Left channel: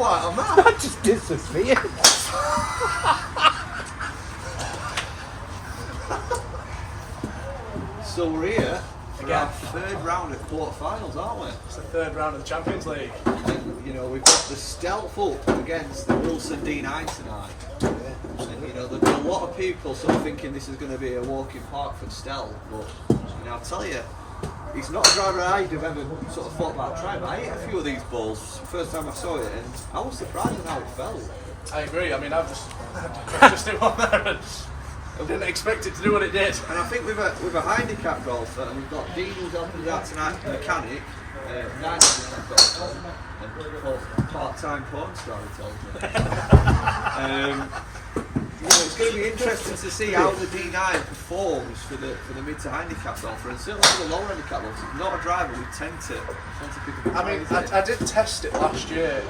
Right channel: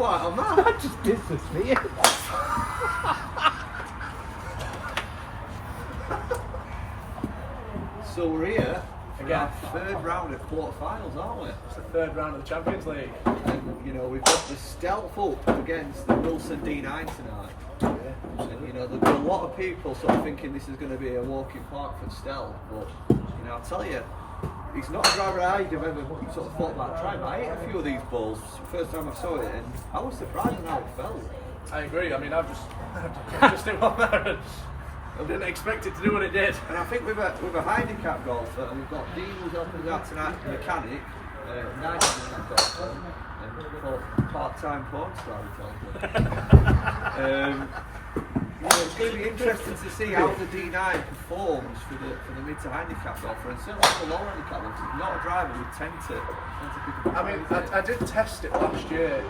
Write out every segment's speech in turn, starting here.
like on that? That just disappeared. So we're here for our third round at quarterfinals, aren't we? It's the third round of the Champions League. And you know, we've got the Stealth up against the Wilson D9 tonight. Yeah, And you know, there'll be a lot of people sort of thinking this is going to be a walk in park for Stealth, but you know, I'll tell you, he's not a driver I'd have ever sort of thought about trying. But I hit a few of these balls first time I saw it, and I was surprised at how it felt. I agree. I mean, I've just hit one there and I didn't expect it to do what it did. And I think with a handicap golfer, and we've got Dean who's helping us out tonight, the mechanic, 9 handicap golfer, and part-time porn star, he tells me. You know, it's going to be interesting to see how the D9 performs for the mid to handicap golfer, and certainly for the lower handicap golfer. It's not a driver we tend to pick up. I mean, I did test it last year.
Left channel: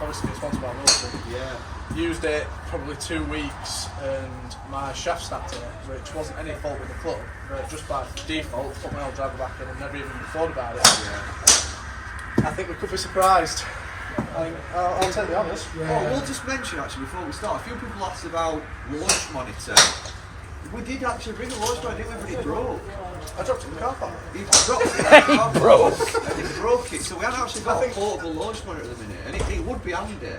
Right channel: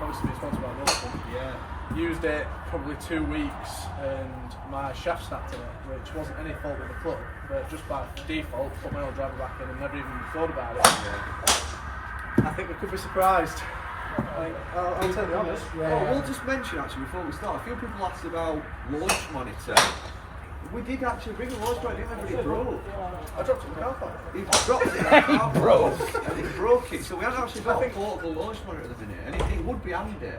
Obviously, it's sponsored by Wilson. Yeah. Used it probably 2 weeks, and my shaft snapped in it, which wasn't any fault with the club, but just by default, put my old driver back in and never even thought about it. Yeah. I think we could be surprised. I'll take the honours. Oh, we'll just mention actually before we start, a few people asked about launch monitor. We did actually bring a launch monitor, didn't we? But it broke. I dropped it in the car park. He dropped it in the car park and it broke it. So we haven't actually got a portable launch monitor at the minute, and it would be handy.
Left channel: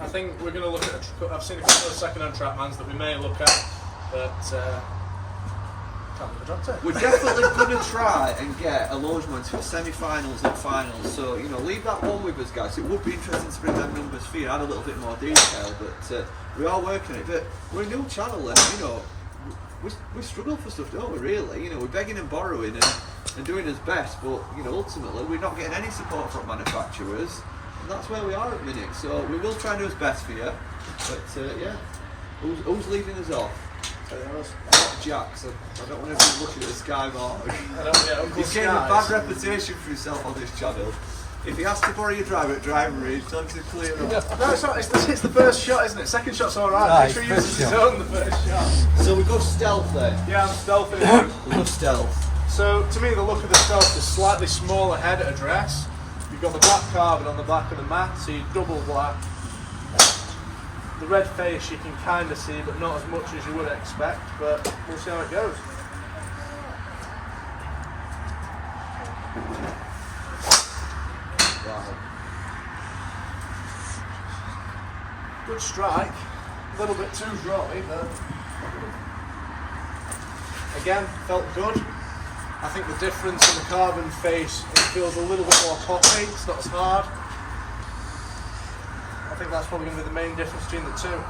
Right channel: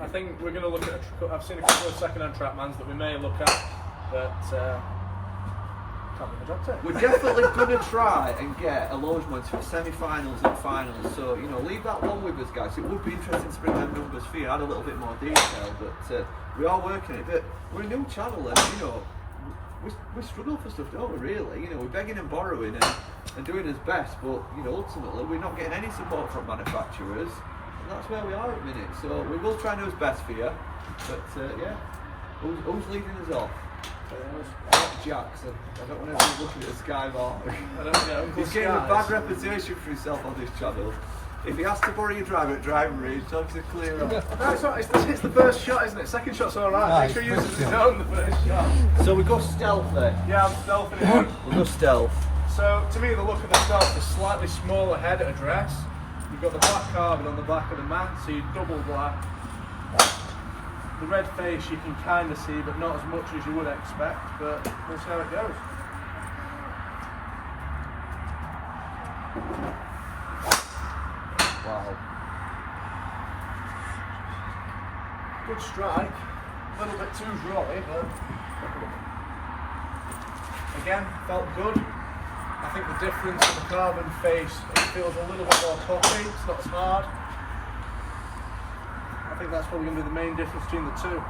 I think we're going to look at. I've seen a couple of second-hand Trackmans that we may look at, but can't believe I dropped it. We're definitely going to try and get a launch monitor for semi-finals and finals. So you know, leave that one with us, guys. It would be interesting to bring them numbers for you. Add a little bit more detail, but we are working it. But we're a new channel, and you know, we struggle for stuff, don't we? Really, you know, we're begging and borrowing and doing his best, but you know, ultimately, we're not getting any support from manufacturers. That's where we are at the minute, so we will try and do his best for you. But yeah, who's leading us off? Not Jackson. I don't want everyone looking at the Sky Mark. He's getting a bad reputation for himself on this channel. If he has to borrow your driver at driving range, tell him to clear off. No, it's not. It's the first shot, isn't it? Second shot's all right. Make sure he uses his own the first shot. So we go Stealth then. Yeah, I'm stealthing it. We'll go Stealth. So to me, the look of the Stealth is slightly smaller head at address. You've got the black carbon on the back of the mat, so you double black. The red face you can kind of see, but not as much as you would expect, but we'll see how it goes. Wow. Good strike, a little bit too dry, but again, felt good. I think the difference in the carbon face, it feels a little bit more poppy, it's not as hard. I think that's probably going to be the main difference between the two.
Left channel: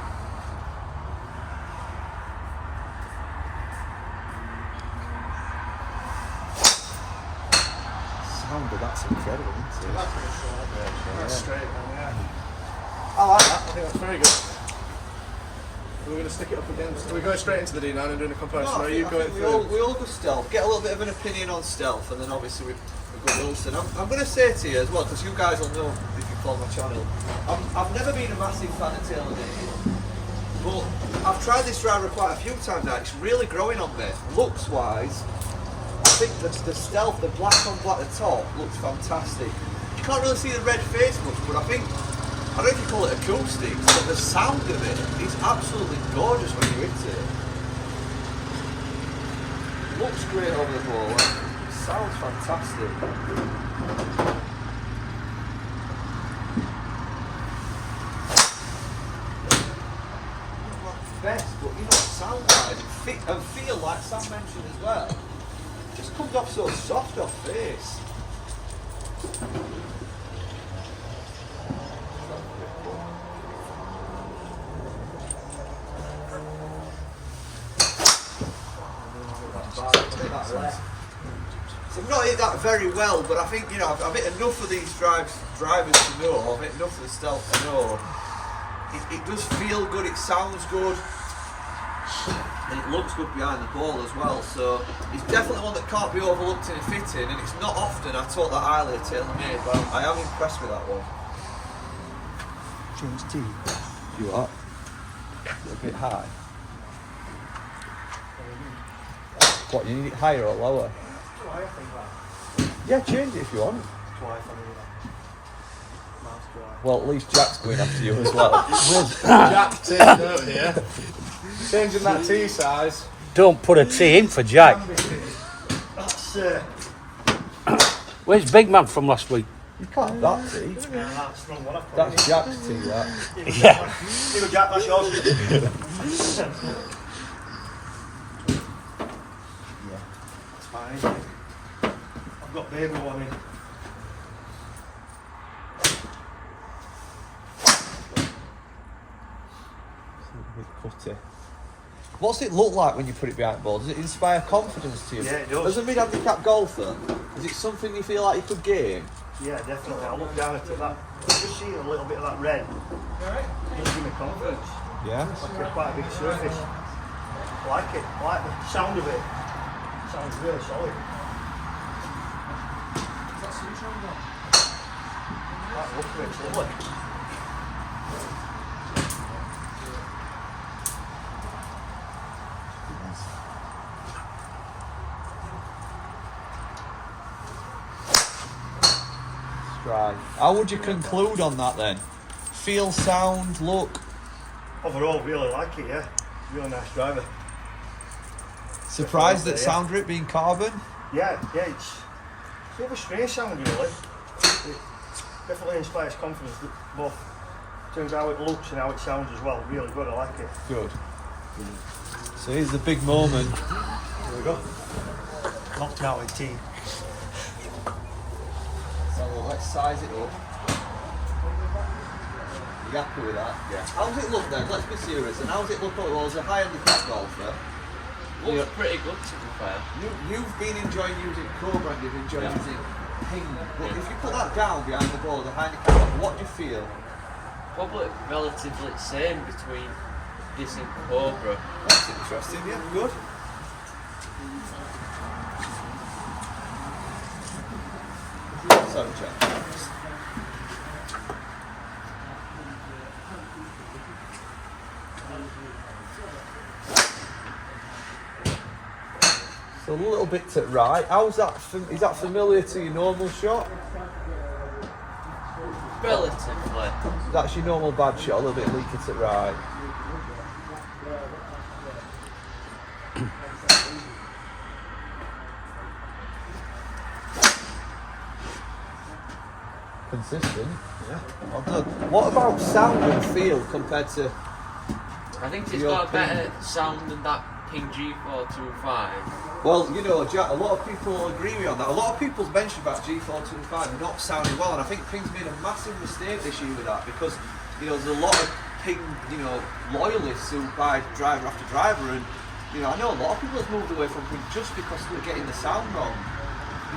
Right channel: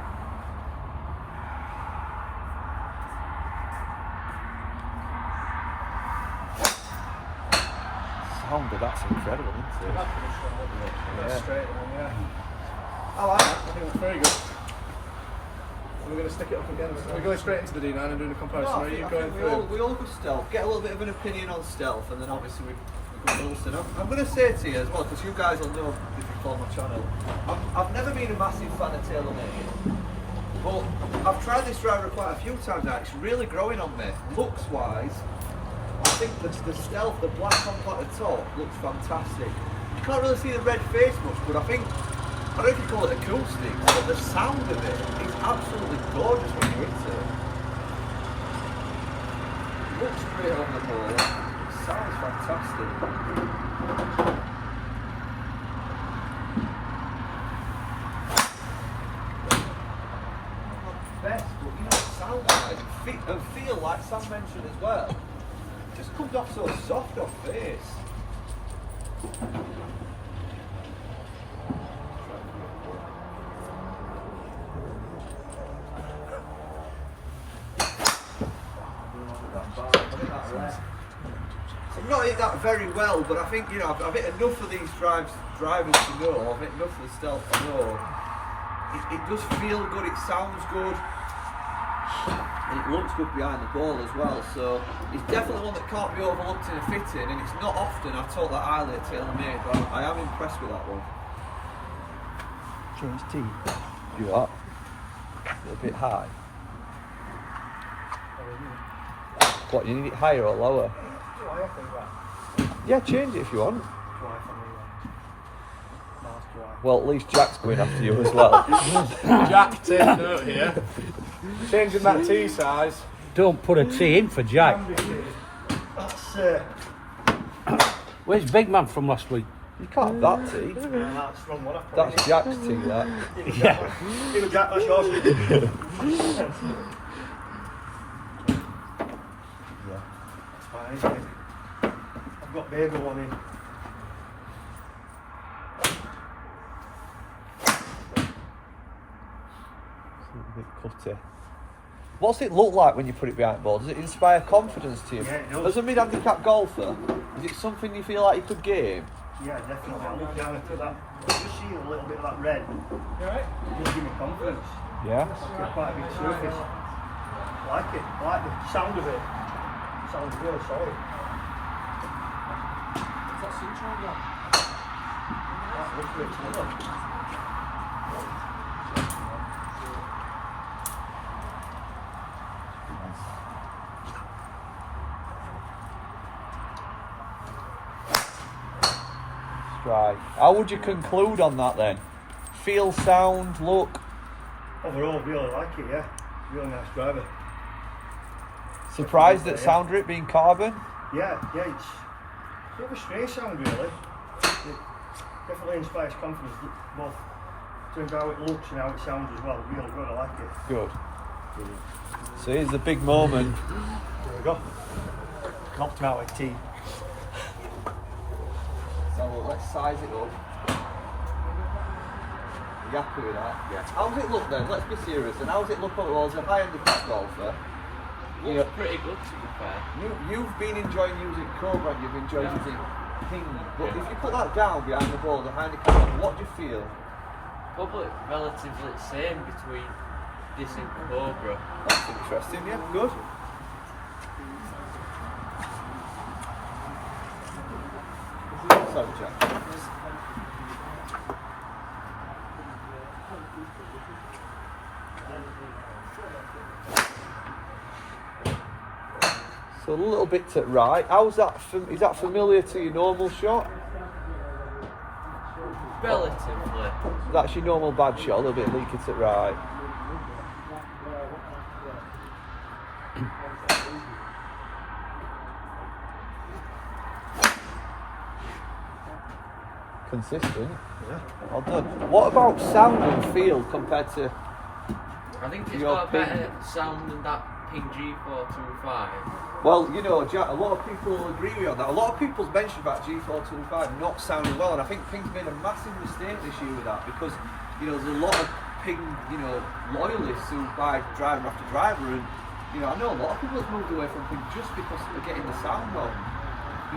Sound, but that's incredible, isn't it? That's straight then, yeah. I like that, I think that's very good. We're going to stick it up against. We're going straight into the D9 and doing a comparison. No, Are you going we through? all go Stealth. Get a little bit of an opinion on Stealth, and then obviously we go Wilson. I'm going to say to you as well, because you guys will know if you follow my channel. I've never been a massive fan of Taylormade, but I've tried this driver quite a few times now. It's really growing on me. Looks wise, I think the Stealth, the black on black at the top, looks fantastic. You can't really see the red face much, but I don't know if you call it acoustic, but the sound of it is absolutely gorgeous when you hit it. Looks great over the ball, sounds fantastic. Not the best, but you know, sound wise and feel like Sam mentioned as well. It just comes off so soft off face. So I've not hit that very well, but I think, you know, I've hit enough of these drivers to know, I've hit enough of the Stealth to know it does feel good, it sounds good, and it looks good behind the ball as well. So it's definitely one that can't be overlooked in a fitting, and it's not often I talk that highly of Taylormade, but I am impressed with that one. Change T. You are a bit high. What, you need it higher or lower? I think that. Yeah, change it if you want. Twice on either. Miles. Well, at least Jack's going after you as well. Jack taking over here. Changing that T size. Don't put a T in for Jack. That's Where's Big Man from last week? You can't have that tea. that's the wrong one I've put That's Jack's tea, that. Yeah. Here we Jack, that's yours. That's fine, isn't it? I've got baby one in. What's it look like when you put it behind the ball? Does it inspire confidence to you? Yeah, it does. As a mid-handicap golfer, is it something you feel like you could gain? Yeah, definitely. I look down at that. Just see a little bit of that red. It does give me confidence. Yeah. It's like quite a big surface. I like it. I like the sound of it. It sounds really solid. I like the look of it. It's lovely. Right. How would you conclude on that then? Feel, sound, look? Overall, really like it, yeah. Really nice driver. Surprised at Yeah. sound of it being carbon? Yeah, it's a bit of a strange sound, really. It definitely inspires confidence, both in terms of how it looks and how it sounds as well. Really good, I like it. Good. So here's the big moment. Here we go. Knocked out with tea. So let's size it up. Are you happy with that? Yeah. How's it look then? Let's be serious. And how's it look overall as a high handicap golfer? Looks pretty good, to be fair. You've been enjoying using Cobra and you've enjoyed using Ping. But Yeah. if you put that down behind the ball as a high handicap golfer, what do you feel? Probably relatively same between this and Cobra. That's interesting, yeah, good. Sorry, Jack. So a little bit to right. How's that? Is that familiar to your normal shot? Relatively. That's your normal bad shot. A little bit of leakage to right. Consistent. Yeah. Well done. What about sound and feel compared to? I think it's Your got a Ping. better sound than that Ping G425. Well, you know, Jack, a lot of people agree with you on that. A lot of people's mentioned about G425 not sounding well, and I think Ping's made a massive mistake this year with that because, you know, there's a lot of Ping, you know, loyalists who buy driver after driver, and, you know, I know a lot of people have moved away from Ping just because they're getting the sound wrong.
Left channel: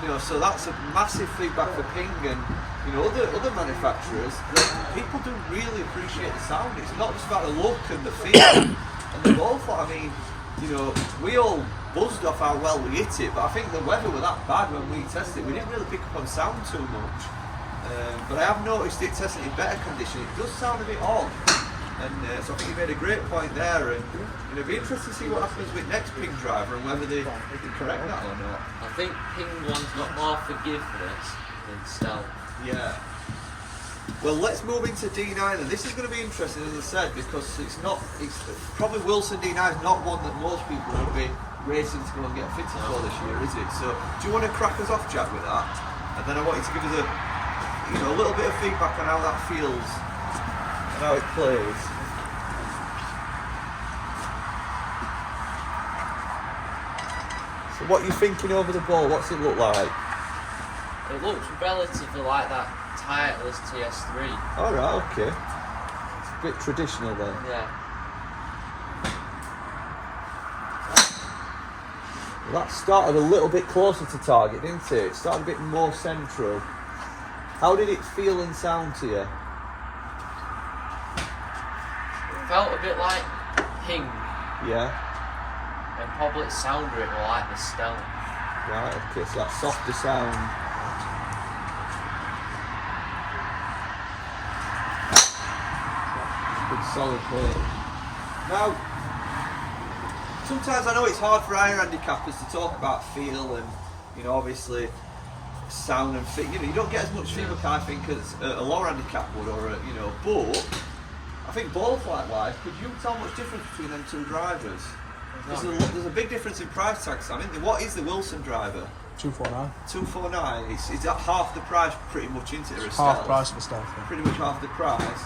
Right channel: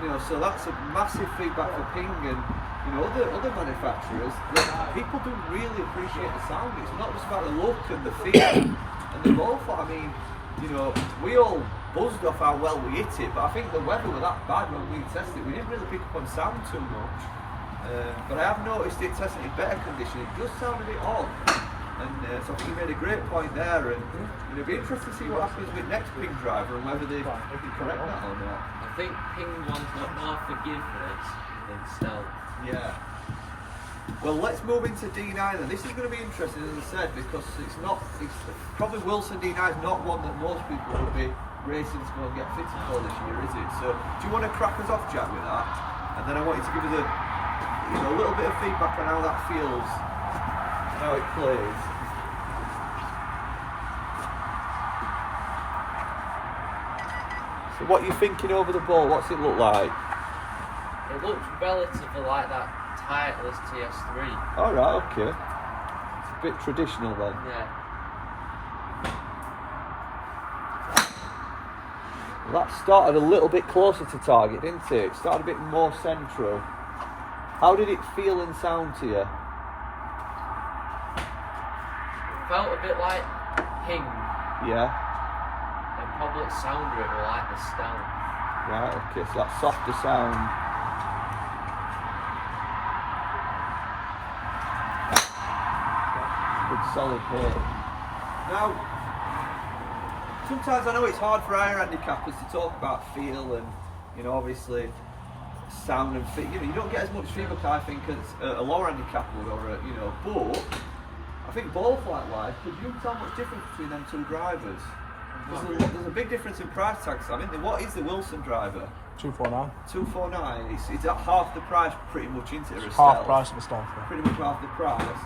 You know, so that's a massive feedback for Ping and, you know, other manufacturers, that people do really appreciate the sound. It's not just about the look and the feel and the ball flat. I mean, you know, we all buzzed off how well we hit it, but I think the weather was that bad when we tested it. We didn't really pick up on sound too much. But I have noticed it testing in better condition. It does sound a bit odd. And so I think you made a great point there, and it'll be interesting to see what happens with next Ping driver and whether they correct that or not. I think Ping one's got more forgiveness than Stealth. Yeah. Well, let's move into D9, and this is going to be interesting, as I said, because it's probably Wilson D9 is not one that most people would be racing to go and get fitted for this year, is it? So, do you want to crack us off, Jack, with that? And then I want you to give us a little bit of feedback on how that feels and how it plays. So, what are you thinking over the ball? What's it look like? It looks relatively like that Titleist TS3. All right, okay. It's a bit traditional then. Yeah. That started a little bit closer to target, didn't it? It started a bit more central. How did it feel and sound to you? It felt a bit like Ping, Yeah. and probably sounded a bit more like the Stealth. Right, okay, so that softer sound. Good solid hit. Now, sometimes I know it's hard for higher handicappers to talk about feel and, you know, obviously sound and fit. You know, you don't get as much feedback, I think, as a lower handicap would, or a, you know. But I think both likewise. Could you tell much difference between them two drivers? There's a big difference in price tags. I mean, what is the Wilson driver? 249. 249. It's at half the price, pretty much, isn't it? Or a Half Stealth? price of the Stealth. Yeah. Pretty much half the price.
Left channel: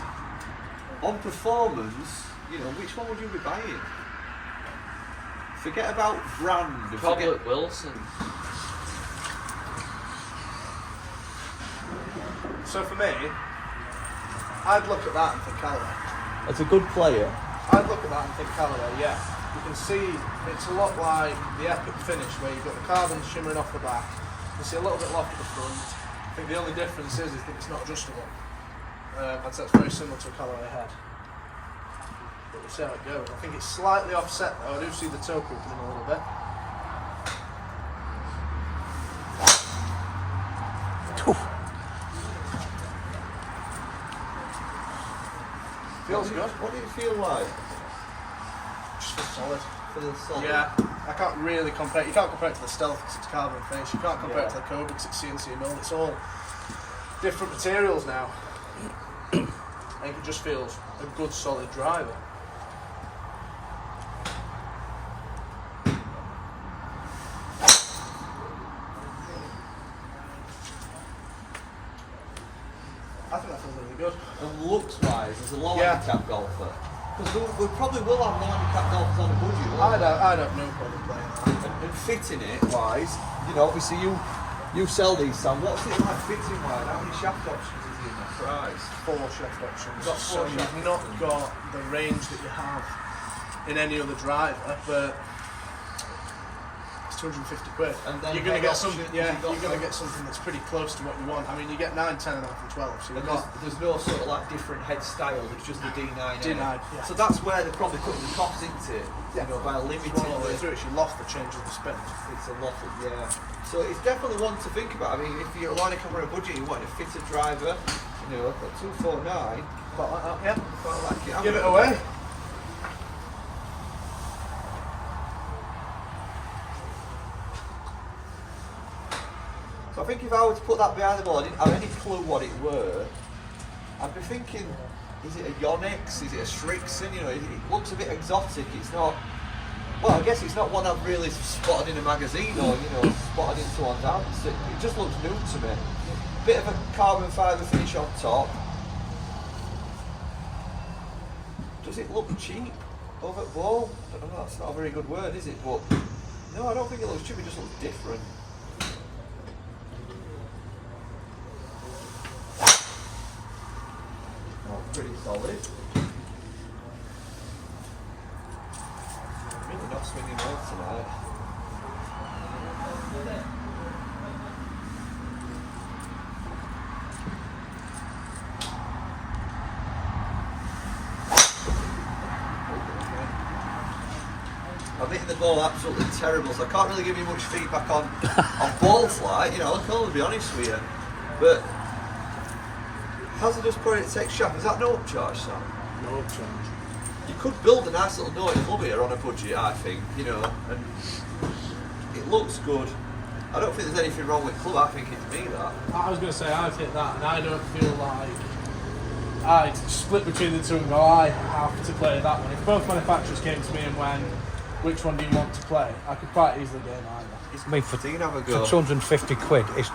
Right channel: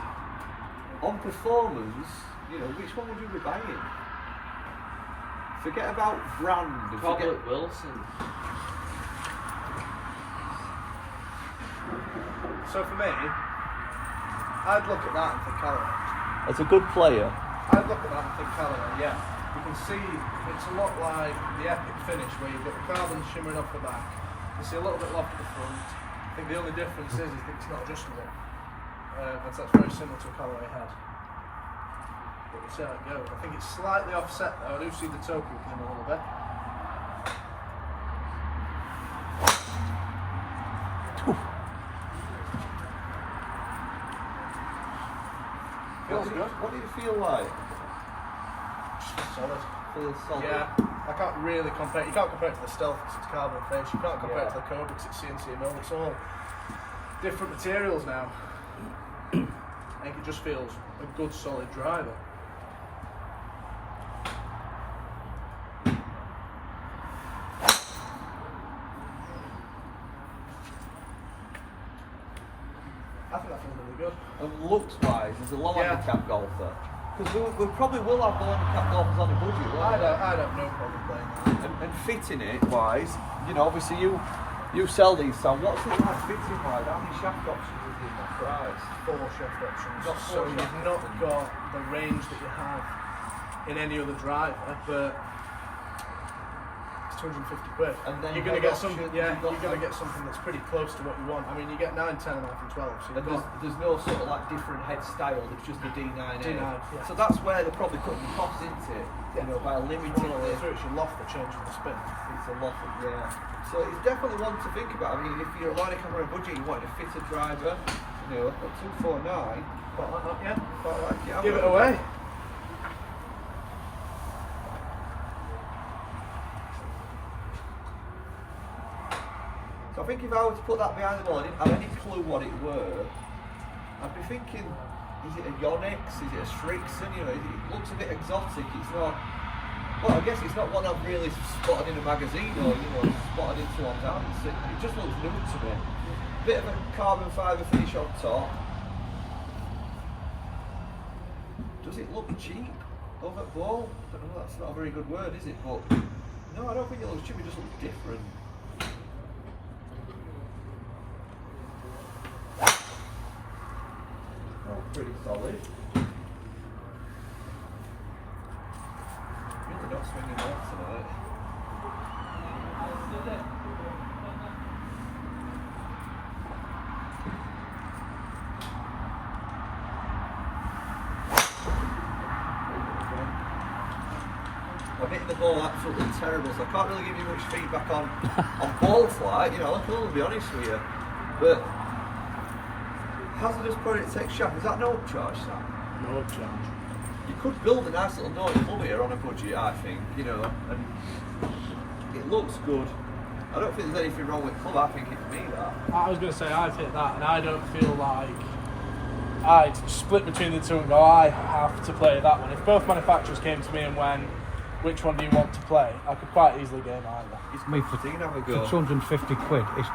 On performance, you know, which one would you be buying? Forget about brand. And Probably forget, Wilson. So for me, I'd look at that and think Callaway. as a good player. I'd look at that and think Callaway, yeah. You can see it's a lot like the Epic finish where you've got the carbon shimmering off the back. You see a little bit loft at the front. I think the only difference is that it's not adjustable. And so it's very similar to a Callaway head. But we'll see how it goes. I think it's slightly offset though. I do see the toe creeping in a little bit. Feels good. What do you feel like? Just feels solid. Feels solid. Yeah, I can't really compare. You can't compare it to the Stealth because it's carbon face. You can't compare it to the Cobra because it's CNC milled. It's all different materials now. I think it just feels a good, solid driver. I think that feels really good. And looks-wise, as a low Yeah. handicap golfer, because we probably will have low handicap golfers on the budget. won't we? I'd have no problem playing that. And fitting it wise, you know, obviously you sell these, Sam. What's it like fitting wise? How many shaft options is he in that price? 4 shaft options. Got So 4 you've shaft not options. got the range that you have in any other driver, but it's 250 quid. And then you're going to head get something. options, Yeah, you've got you're going to some- get something that's pretty close to what you want. I mean, you get 9, 10, and 12. So you've And got there's no sort of like different head styles. It's just the D9. D9, yeah. So that's where they're probably cutting the costs into it. Yeah. You know, by limiting one of the the. it's your loft that changes the spin. It's a lot of, yeah. So it's definitely one to think about. I mean, if you're lining up on a budget, you want to fit a driver, you know, at 249, Quite like that, yeah. quite like it. I'm Give it gonna- away. So I think if I were to put that behind the ball, I didn't have any clue what it were, I'd be thinking, is it a Yonex? Is it a Strixon? You know, it looks a bit exotic. It's not. Well, I guess it's not one I've really spotted in a magazine or, you know, spotted in someone's hands. It just looks new to me. Bit of a carbon fibre finish on top. Does it look cheap over at ball? I don't know, that's not a very good word, is it? But no, I don't think it looks cheap, it just looks different. Oh, pretty solid. Really not swinging well tonight. I'm hitting the ball absolutely terrible, so I can't really give you much feedback on ball flight. You know, I can only be honest with you. But hazardous point it takes shaft. Is that no upcharge, Sam? No change. You could build a nice little naughty club here on a budget, I think, you know, and it looks good. I don't think there's anything wrong with club, I think it's me that. I was going to say I'd hit that, and I don't feel like I'd split between the two and go, I have to play that one. If both manufacturers came to me and went, which one do you want to play? I could quite easily go neither. It's I mean, for, Dean, have a for go. 250 quid, it's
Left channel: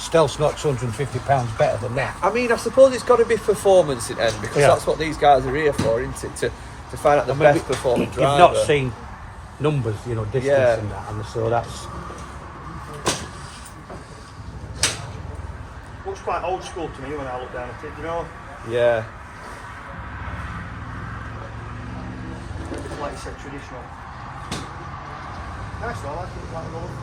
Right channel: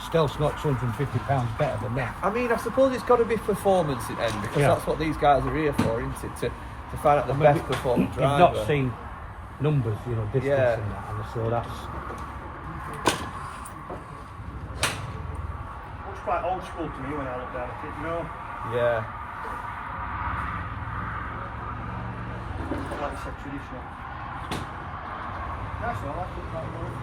Stealth's not 250 pounds better than that. I mean, I suppose it's got to be performance in end, because Yeah. that's what these guys are here for, isn't it? To find out the I mean, best performing You've driver. not seen numbers, you know, distance Yeah. and that, and so that's. Looks quite old school to me when I look down at it, you know? Yeah. Like you said, traditional. Nice, I like it, that rolling.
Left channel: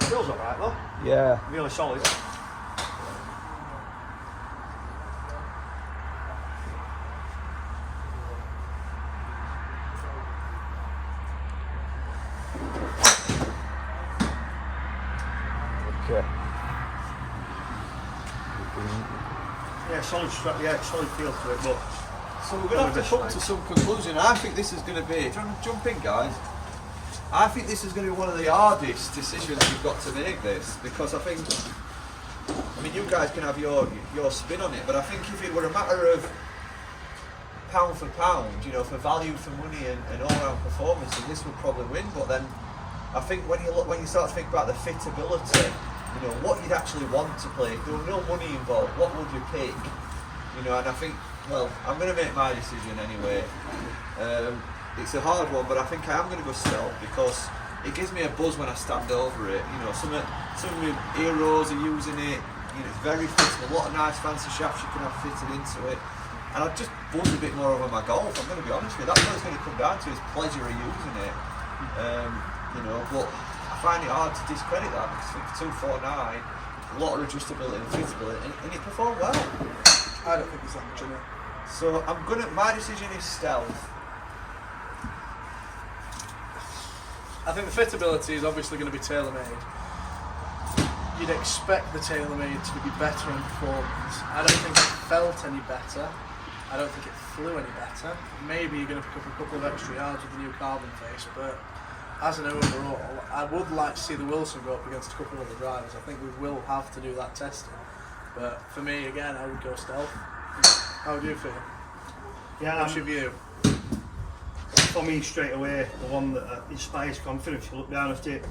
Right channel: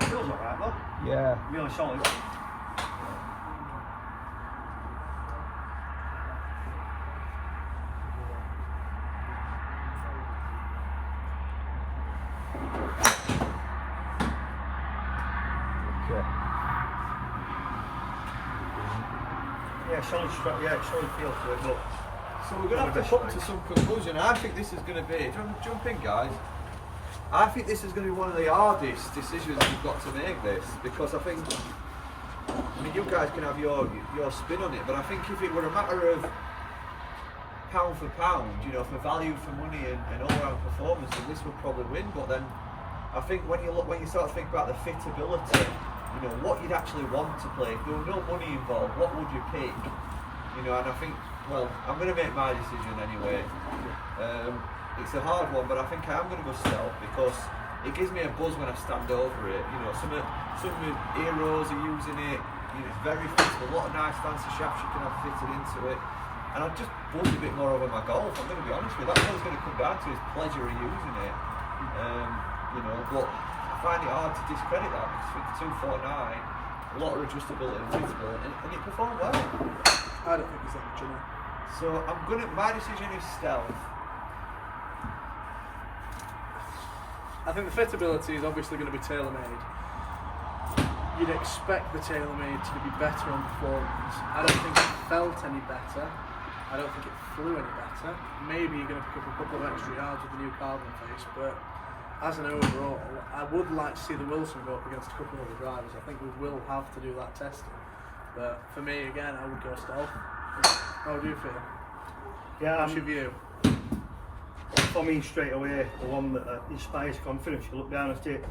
Feels alright though, Yeah. really solid. solid feel to it, but So we're going to have to come to some conclusion. I think this is going to be, do you want to jump in, guys? I think this is going to be one of the hardest decisions you've got to make this, because I mean, you guys can have your spin on it, but I think if it were a matter of pound for pound, you know, for value for money and all-round performance, then this would probably win. But then I think when you start to think about the fitability, you know, what you'd actually want to play, if there were no money involved, what would you pick? You know, and I think, well, I'm going to make my decision anyway. It's a hard one, but I think I am going to go stealth because it gives me a buzz when I stand over it. You know, some of my heroes are using it. You know, it's very fitted. A lot of nice fancy shafts you can have fitted into it. And I just buzz a bit more over my golf. I'm going to be honest with you. That's what it's going to come down to, is pleasure of using it. You know, but I find it hard to discredit that because for 249, a lot of adjustability and fittability, and it performed well. I don't think there's that much in it. So my decision is stealth. I think the fitability is obviously going to be Taylormade. You'd expect the Taylormade to be better on performance. I don't think it felt any better. I don't think it flew any better. Maybe you're going to pick up a couple of extra yards with the new carbon face, but as an overall, I would like to see the Wilson go up against a couple of other drivers. I think we will have to do that testing. But for me, again, I would go stealth. How would you feel? yeah, What's your view? for me straight away, the one that inspires confidence. You look down at it,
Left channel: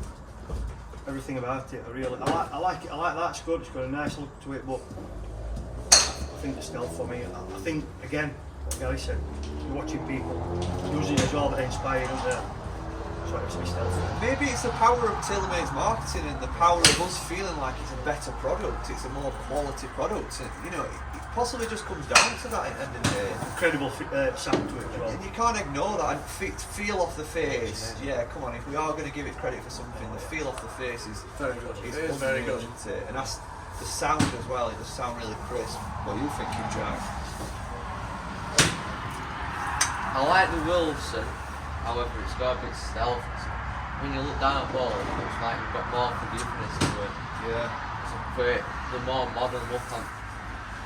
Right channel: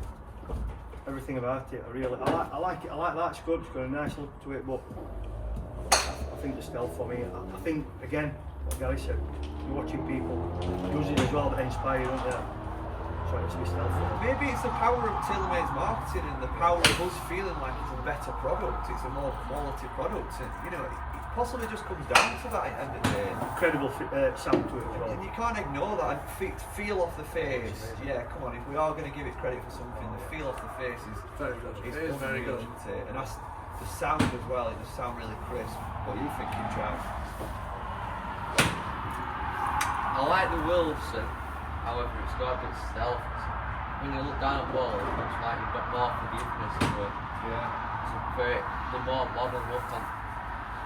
everything about it. I like it. I like that scope. It's got a nice look to it, but I think the stealth for me. I think again, what Gary said. You're watching people using it as well that inspire, don't they? So it has to be stealth. Maybe it's the power of Taylormade's marketing and the power of us feeling like it's a better product, it's a more quality product. And, you know, it possibly just comes down to that at the end of the day. Incredible sound to it as well. And you can't ignore that. And feel off the face. Yeah, come on. If we are going to give it credit for something, the feel off the face is Very good. It's It is very unreal, good. isn't it? And that's the sound as well. It just sounds really crisp. What are you thinking, Jack? I like the Wilson, however it's got a bit stealth. When you look down at ball, it looks like you've got more forgiveness to it. Yeah. It's a bit, the more modern look on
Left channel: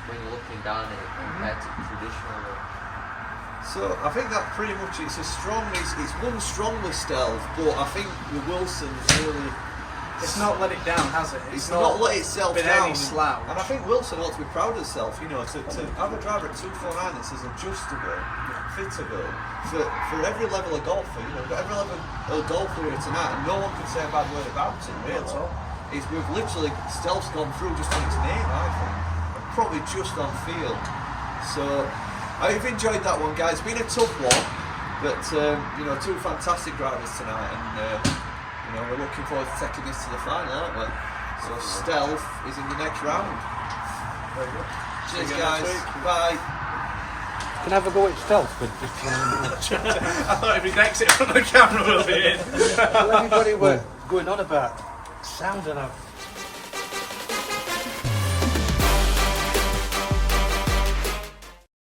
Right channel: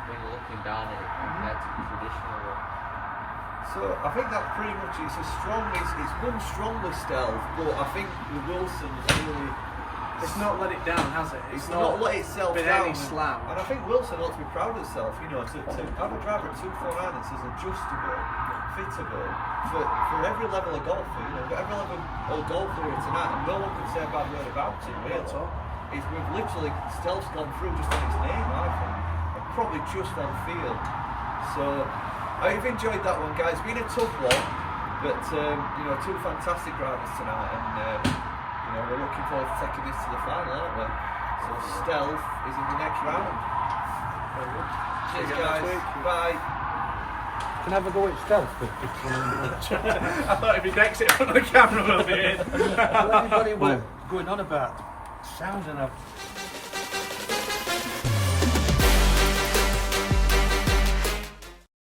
when you're looking down at it compared to the traditional one. So I think that pretty much it's one strongly stealth, but I think the Wilson's really It's not let it down, has it? it's not let itself been down. any slouch. And I think Wilson ought to be proud of himself, you know, to have a driver at 249 that's as adjustable, fittable for every level of golfer, you know, we've got every level of golfer here tonight, and no one can say a bad word about it, really. Not at all. We've literally, stealth's gone through just on its name, I think, and probably just on feel. So I've enjoyed that one, guys. It's been a tough one, but you know, two fantastic drivers tonight, and you know, we're looking forward to taking this to the final, aren't we? So stealth is in the next round. Very good. Cheers, See you again next guys. week. Bye. Can I have a go at stealth? But I thought if he exit from the camera, we'll be in. everybody were going on about sound, and I've